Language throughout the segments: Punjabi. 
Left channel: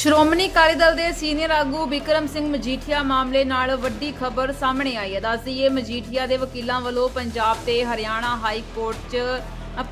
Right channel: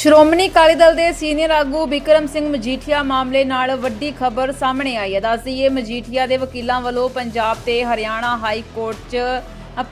ਸ਼੍ਰੋਮਣੀ ਅਕਾਲੀ ਦਲ ਦੇ ਸੀਨੀਅਰ ਆਗੂ ਬਿਕਰਮ ਸਿੰਘ ਮਜੀਠੀਆ ਮਾਮਲੇ ਨਾਲ ਵੱਡੀ ਖਬਰ ਸਾਹਮਣੇ ਆਈ ਹੈ। ਦੱਸ ਦਈਏ ਮਜੀਠੀਆ ਦੇ ਵਕੀਲਾਂ ਵੱਲੋਂ ਪੰਜਾਬ ਤੇ ਹਰਿਆਣਾ ਹਾਈ ਕੋਰਟ 'ਚ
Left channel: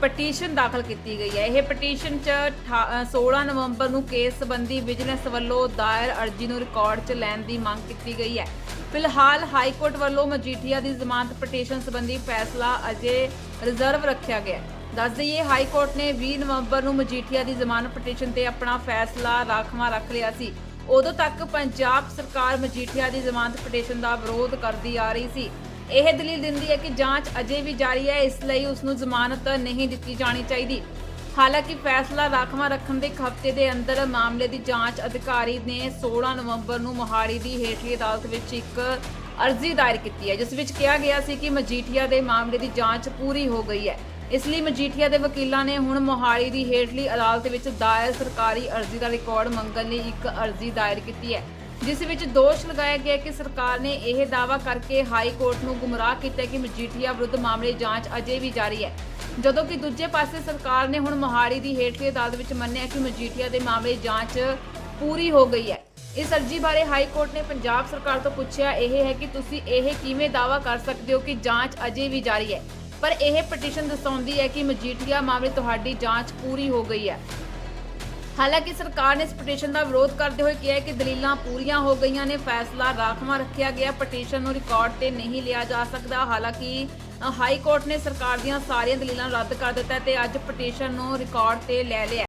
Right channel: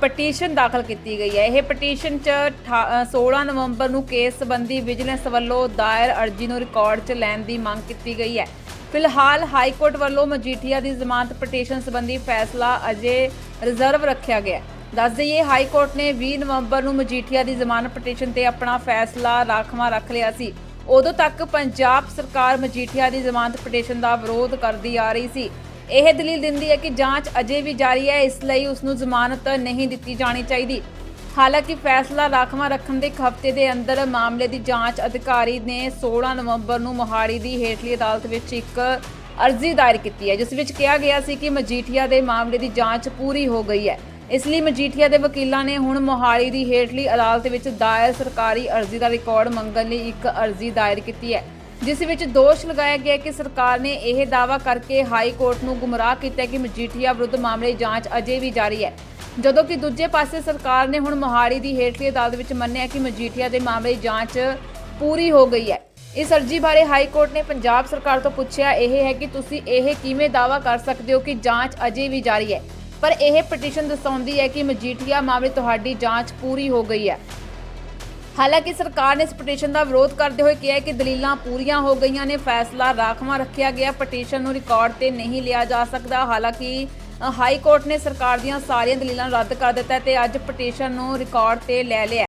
ਪਟੀਸ਼ਨ ਦਾਖਲ ਕੀਤੀ ਗਈ ਹੈ। ਇਹ ਪਟੀਸ਼ਨ 'ਚ ਅਠਾ- ਅ, 16 ਨਵੰਬਰ ਨੂੰ ਕੇਸ ਸੰਬੰਧੀ ਵਿਜੀਲੈਂਸ ਵੱਲੋਂ ਦਾਇਰ ਅਰਜ਼ੀ ਨੂੰ ਰਿਕਾਰਡ 'ਚ ਲੈਣ ਦੀ ਮੰਗ ਕੀਤੀ ਗਈ ਹੈ। ਫਿਲਹਾਲ ਹਾਈ ਕੋਰਟ ਵੱਲੋਂ ਮਜੀਠੀਆ ਦੀ ਜ਼ਮਾਨਤ ਪਟੀਸ਼ਨ ਸੰਬੰਧੀ ਫੈਸਲਾ ਅਜੇ ਰਿਜ਼ਰਵ ਰੱਖਿਆ ਗਿਆ ਹੈ। ਦੱਸ ਦਈਏ, ਹਾਈ ਕੋਰਟ ਨੇ 20 ਨਵੰਬਰ ਨੂੰ ਮਜੀਠੀਆ ਦੀ ਜ਼ਮਾਨਤ ਪਟੀਸ਼ਨ ਤੇ ਆਪਣਾ ਫੈਸਲਾ ਰਾਖਵਾਂ ਰੱਖ ਲਿਆ ਸੀ। ਉਦੋਂ ਤੱਕ ਪੰਜਾਬ ਸਰਕਾਰ ਮਜੀਠੀਆ ਦੀ ਜ਼ਮਾਨਤ ਪਟੀਸ਼ਨ ਦਾ ਵਿਰੋਧ ਕਰਦੀ ਆ ਰਹੀ ਸੀ। ਇਹ ਦਲੀਲ ਦਿੰਦੀ ਹੈ ਕਿ ਜਾਂਚ ਅਜੇ ਵੀ ਜਾਰੀ ਹੈ, ਇਸ ਲਈ ਉਸ ਨੂੰ ਜ਼ਮਾਨਤ ਨਹੀਂ ਦਿੱਤੀ ਜਾਣੀ ਚਾਹੀਦੀ। ਹਾਲਾਂਕਿ ਫੈਸਲਾ ਰਾਖਵਾਂ ਰੱਖਣ ਦੇ ਇੱਕ ਹਫ਼ਤੇ ਦੇ ਅੰਦਰ ਮਾਮਲੇ ਦੀ ਜਾਂਚ ਅਧਿਕਾਰੀ ਨੇ 16 ਨਵੰਬਰ ਨੂੰ ਮੋਹਾਲੀ ਦੀ ਹੇਠਲੀ ਅਦਾਲਤ ਵਿੱਚ ਇੱਕ ਅਰਜ਼ੀ ਦਾਇਰ ਕੀਤੀ ਹੈ, ਜਿਸ ਵਿੱਚ ਕਿਹਾ ਗਿਆ ਸੀ ਕਿ ਮਜੀਠੀਆ ਦੇ ਮਾਮਲੇ ਦੀ ਜਾਂਚ ਪੂਰੀ ਹੋ ਗਈ ਹੈ। ਇਸ ਲਈ ਮਜੀਠੀਆ ਦੇ ਵਕੀਲਾਂ ਨੇ ਹੁਣ ਮੋਹਾਲੀ ਦੀ ਹੇਠਲੀ ਅਦਾਲਤ ਵਿੱਚ ਦਾਇਰ ਸਰਕਾਰੀ ਅਰਜ਼ੀ ਦਾ ਰਿਕਾਰਡ ਮੰਗਣ ਲਈ ਇੱਕ ਅਰਜ਼ੀ ਦਾਇਰ ਕੀਤੀ ਹੈ, ਜਿਸ ਵਿੱਚ ਦੋਸ਼ ਲਗਾਇਆ ਗਿਆ ਕਿ ਸਰਕਾਰ ਨੇ ਇਹ ਦਾਅਵਾ ਕਰਕੇ ਹਾਈ ਕੋਰਟ ਨੂੰ ਗੁੰਮਰਾਹ ਕੀਤਾ ਕਿ ਮਜੀਠੀਆ ਵਿਰੁੱਧ ਮਾਮਲੇ ਜਾਂਚ ਅਜੇ ਵੀ ਜਾਰੀ ਹੈ। ਜਦੋਂ ਕਿ ਦੂਜੇ ਪਾਸੇ ਸਰਕਾਰ ਨੇ ਹੁਣ ਮੋਹਾਲੀ ਦੀ ਹੇਠਲੀ ਅਦਾਲਤ ਵਿੱਚ ਮੰਨਿਆ ਕਿ ਮਜੀਠੀਆ ਦੇ ਮਾਮਲੇ ਜਾਂਚ ਪੂਰੀ ਹੋ ਗਈ ਹੈ। ਇਸ ਅਰਜ਼ੀ ਬਾਰੇ ਹਾਈ ਕੋਰਟ ਨੇ ਪੰਜਾਬ ਸਰਕਾਰ ਤੋਂ ਪੁੱਛਿਆ, ਇਹ ਹੈ ਕਿ ਤੁਸੀਂ ਇਹ ਕਿਵੇਂ ਦਾਅਵਾ ਕਰ ਸਕਦੇ ਹੋ ਕਿ ਜਾਂਚ ਅਜੇ ਵੀ ਜਾਰੀ ਹੈ? ਪਰ ਇਹ ਪਟੀਸ਼ਨ ਦਸਾਉਂਦੀ ਹੈ ਕਿ ਮਜੀਠੀਆ ਮਾਮਲੇ ਤੁਹਾਡੀ ਜਾਂਚ ਪੂਰੀ ਹੋ ਗਈ ਹੈ। ਹਾਲਾਂਕਿ ਸਰਕਾਰ ਨੇ ਇਸ ਪਟੀਸ਼ਨ ਦਾ ਵਿਰੋਧ ਕਰਦੇ ਹੋਏ ਕਿਹਾ ਕਿ ਦਲੀਲਾਂ ਪੂਰੀਆਂ ਹੋ ਗਈਆਂ ਨੇ, ਫੈਸਲਾ ਰਾਖਵਾਂ ਰੱਖਿਆ ਗਿਆ ਪਟੀਸ਼ਨ ਨੂੰ ਰਿਕਾਰਡ ਤੇ ਨਹੀਂ ਲਿਆ ਜਾ ਸਕਦਾ। ਹਾਲਾਂਕਿ ਹਾਈ ਕੋਰਟ ਨੇ ਸਰਕਾਰ ਦੀਆਂ ਸਾਰੀਆਂ ਦਲੀਲਾਂ ਰੱਦ ਕਰ ਦਿੱਤਾ ਹੈ ਤੇ ਅੱਜ ਪਟੀਸ਼ਨ ਨੂੰ ਰਿਕਾਰਡ ਤੇ ਲੈ ਲਿਆ